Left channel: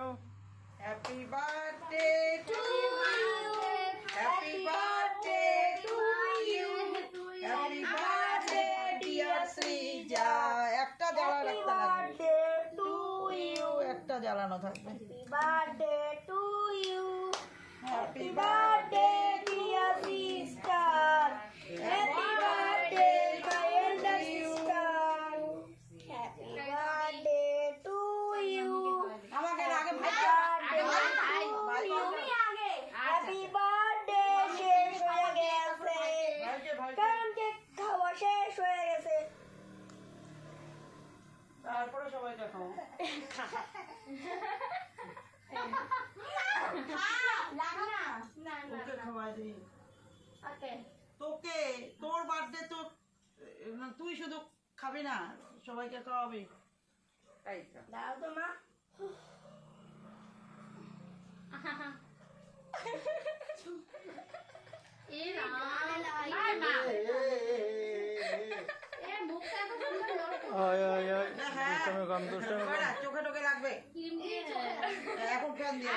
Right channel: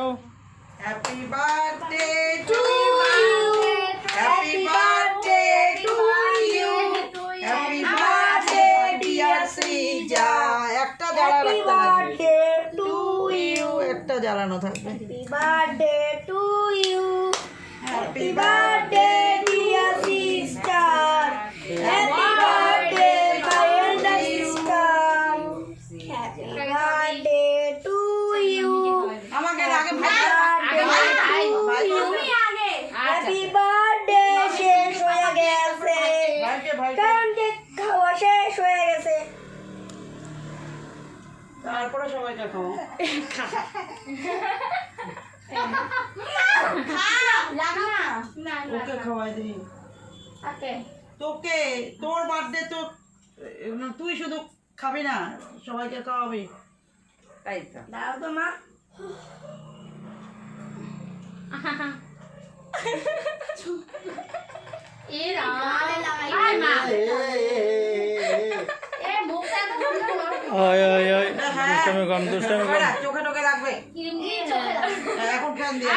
Happy birthday to you. Happy birthday to you. Happy birthday dear Srija. একটা জ্বালা রাখতে লাগবে। Happy birthday to you. একটা জ্বালানো থাকবে। Happy birthday to you. Happy birthday dear sister. Happy birthday my elder sister. Happy birthday to you. আমাকে আগে ভাই Happy birthday শেষ হয়ে গেছে কারণ কেক খাওয়া শেষ হয়ে গেছে তারপরে সবাইকে খাও ওকে খাওয়াই দিই তোকে তোর বার্থডে তো তুই শুধু খাবি না সবাইকে খাওয়াবি তাই তো দাও তো মা চোখে টোকে লাগবে এখন ফ্যান দিয়ে